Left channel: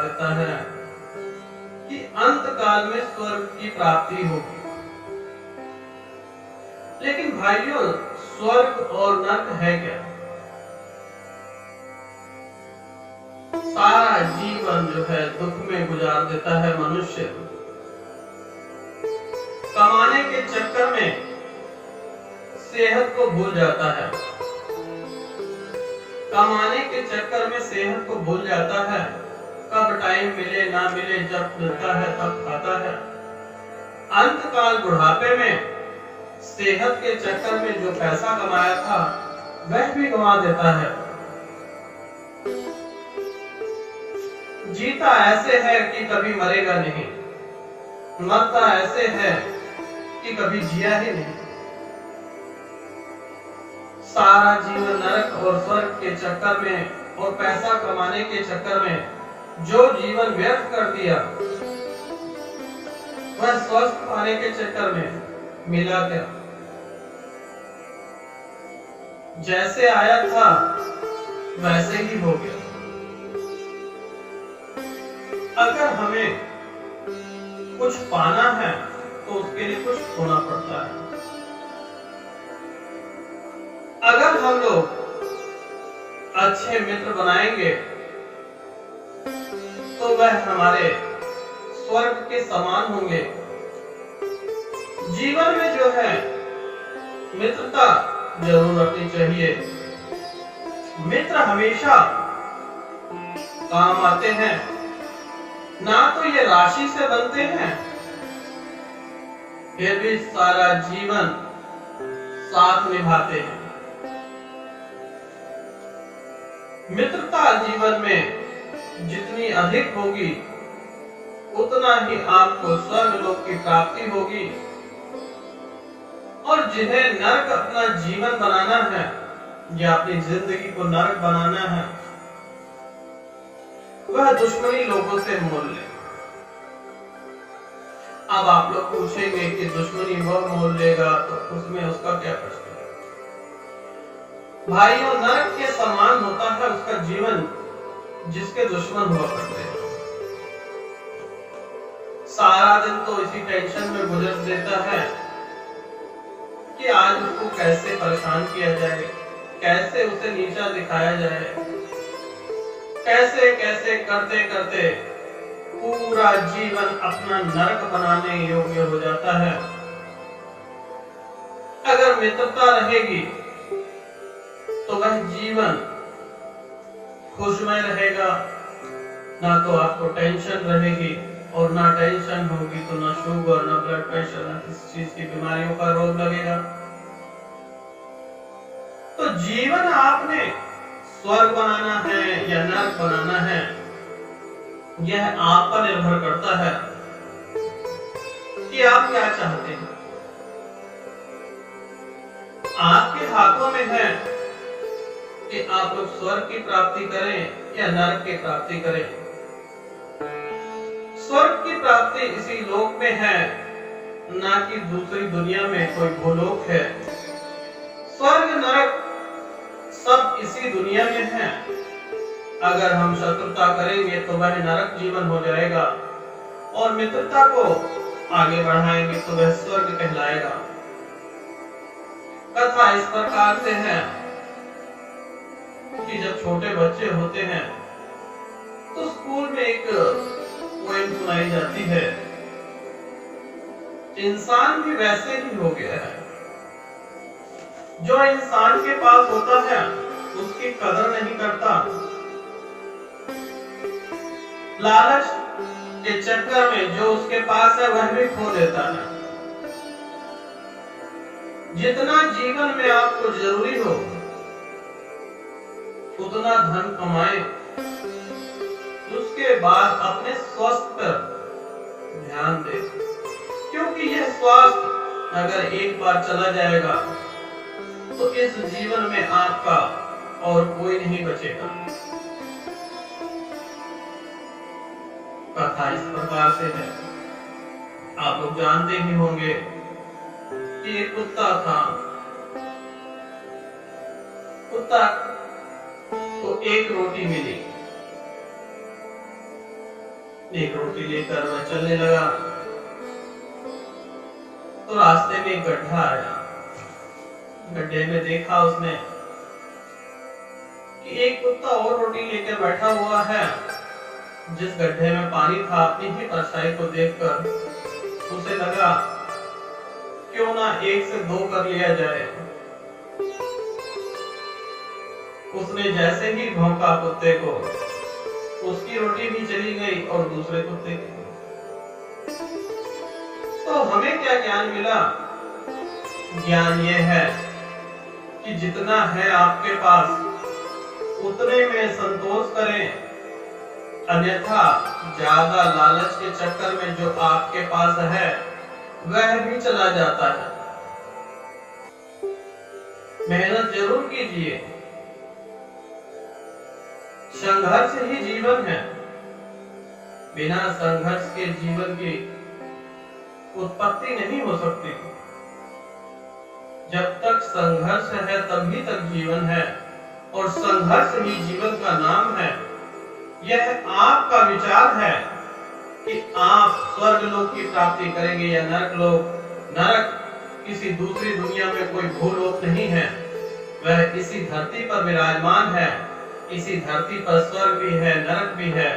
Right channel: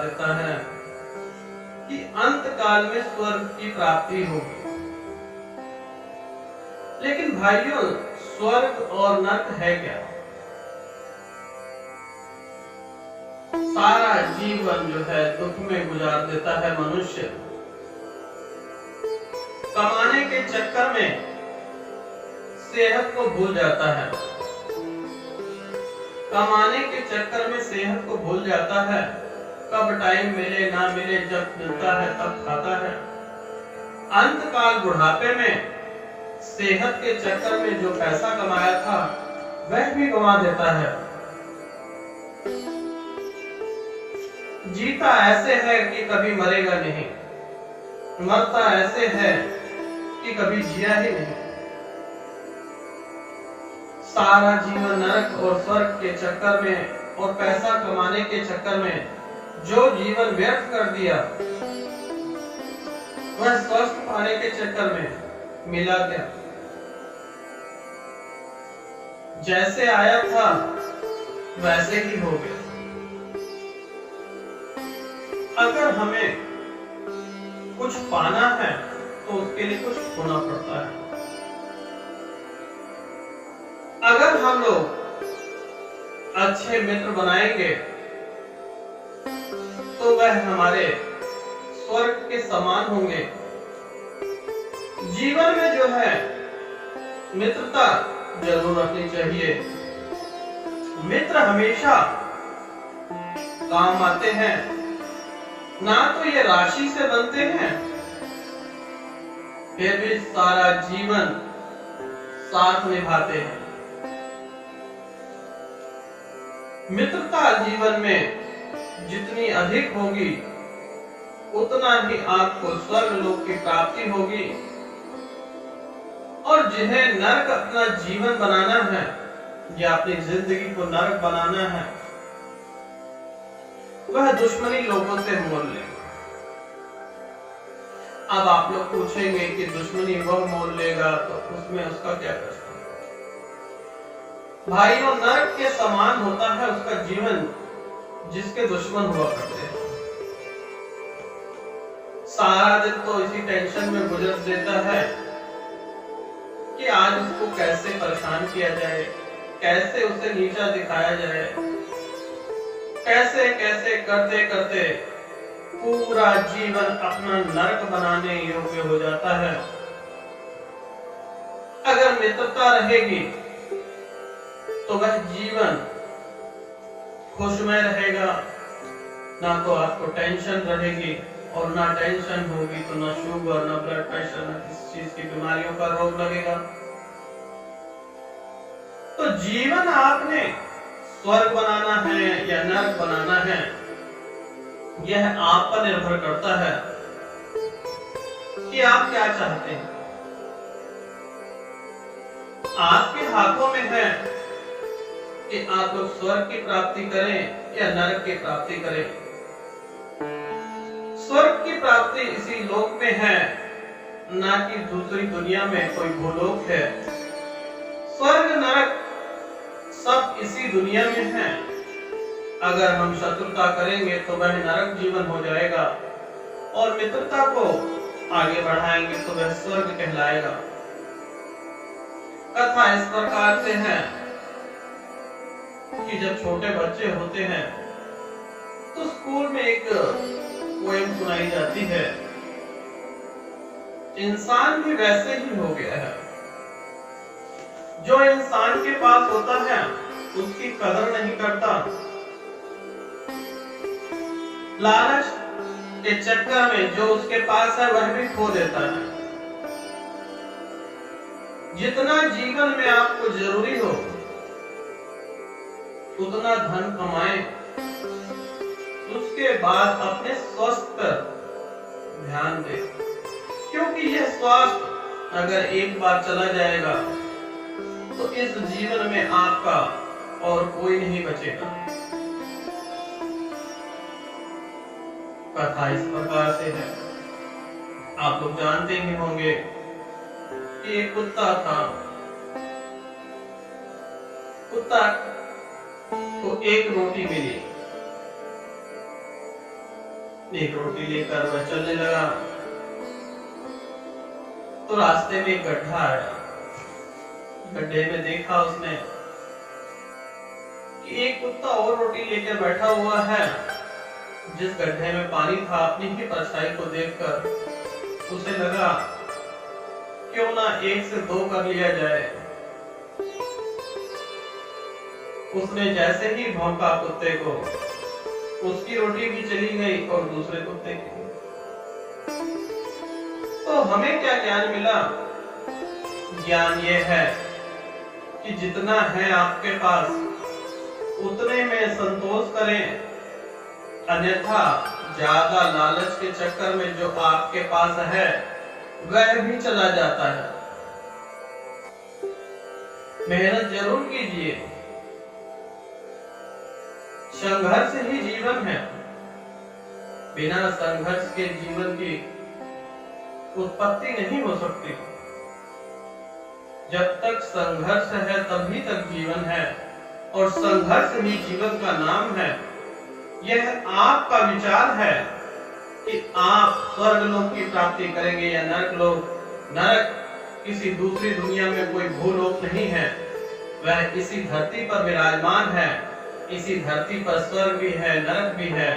देता है कि अंत काल में स्वर्ग की प्राप्ति होगी। लेकिन भाइयों, स्वर्ग और नरक है क्या? सारा जीवन जो है दुख में गुजार देता है मनुष्य। कमाने के चक्कर में सेहत को भूल जाता है, कमाने के चक्कर में सेहत को भूल जाता है। कब टाइम मिले ना मिले, जब मिलता है तब खाता है। अंत काल बुढ़ापे में सेहत के चक्कर में जो पैसा कमाया था वह भी गंवा देता है। जीता ऐसे है कि कभी मरेगा नहीं, मरता ऐसे है कि कभी जिया ही नहीं। सारा जीवन नरक और स्वर्ग के चक्कर में और पैसा कमाने के चक्कर में जो जीवन व्यर्थ कर दिया, वह स्वस्थ पाने के चक्कर में मिला क्या? जैसे आया था वैसे ही हो गया। अगर हमें कुछ पाना है तो उसके लिए कुछ खोना पड़ता है। अगर हम लोग अच्छे मित्र बनाएंगे तो वह हमारे स्वर्ग के समान होंगे। जीवन में जो है मित्रता जरूर रखनी चाहिए। मित्र हमेशा काम आते हैं। ना तो ये राशि से बनते हैं, फिर भी सारा जीवन साथ निभाते हैं। मित्रता जीवन में जितनी अधिक होगी उतना ही आपको स्वर्ग लोक की प्राप्ति होगी। और जिन्हें नरक अपना जीवन बनाना है या अपनी जिंदगी को नरक बनाना है, वह दुश्मनी लोगों से मोल ले। अब आप लोग पूछेंगे कि दुश्मनी वह मोल लेगा तो उसमें उसका क्या कष्ट है? भाइयों, नरक के समान होता है उसका जीवन जिसके दुश्मन हुआ करते हैं। सारा दिन तो इसी टेंशन में गुजर देता है कि आज उसको कैसे परेशान किया जाए, कैसे उसे नीचा दिखाया जाए। कैसे कैसे करते करते पूरा जीवन अपना नरक बनाने योग्य हो जाता है। अगर मित्रता रहेगी तो वह जीवन खुशमय रहेगा। ना तो आपको टेंशन रहेगी, और ना टेंशन होगी तो ना शुगर, ना ब्लड प्रेशर, ना किसी चीज की बीमारियों का रोग लगेगा। तो जीवन आपने स्वर्ग बनाना है या नरक बनाना है, यह आप पर निर्भर करता है कि आप क्या चाहते हैं। आपके हाथों में है कि आप लोग स्वर्ग की प्राप्ति करें या नरक की प्राप्ति करें। स्वर्ग की प्राप्ति इसी लोक में है, ना कि दूसरी दुनिया में कोई भूलोक है। स्वर्ग नरक सब इसी दुनिया में है। अगर हम शत्रुता करेंगे तो वह नरक जीवन हो जाएगा, और मित्रता को आगे बढ़ाएंगे तो वह स्वर्ग कहलाएगा। कथा इस प्रकार से है कि जब छोटे बच्चे होते हैं तो स्कूल में एक पोएम सुनाई जाती है। इंसान भी वैसे ही हो गया है। जो इंसान के पास होता है उसकी कदर नहीं करता। लालच के चक्कर में जो उसके पास है वह भी खो देता है। जितना जीवन में आपको जरूरी हो उतना धन कमाएं, उसके बाद अपने स्वास्थ्य पर ध्यान दें, क्योंकि यह स्वास्थ्य अगर एक बार चला जाएगा तो इस जीवन में आपका और कोई नहीं बचेगा। कथा इस प्रकार से है। आप लोग जानते ही होंगे कि एक कुत्ता था। कुत्ता को एक रोटी मिली, एक रोटी लेकर वह चलने लगा तो रास्ते में एक गड्ढा आया। गड्ढे में देखा उसने कि एक कुत्ता और रोटी लेकर बैठा हुआ है। जिस गड्ढे में पानी था, अपनी ही परछाई को देखकर उसे लगा क्यों ना 1 से 2 कर लिया जाए। उसने जैसे ही भौंका कुत्ते को, उसकी रोटी भी चली गई और दूसरे कुत्ते की भी। तो हमें क्या ज्ञान मिला? ज्ञान यह है कि जितना है आपके पास उतने में संतोष करें, अन्यथा ज्यादा लालच के चक्कर में जो आपके पास है वह भी चला जाता है। मेहनत जरूर कीजिए, संघर्ष ही जीवन है। बिना संघर्ष के जीवन की उत्पत्ति नहीं हो सकती। जब तक संघर्ष है तभी तक जीवन है, और संघर्ष ही जीवन का नाम है। यह आपका विचार है कि आप स्वर्ग लोक की प्राप्ति करेंगे या नरक लोक। नरक किसी दूसरी दुनिया में कोई भूलोक नहीं है, वह इसी धरती पर विराजमान है। इसी धरती पर स्वर्ग भी है, नरक भी है।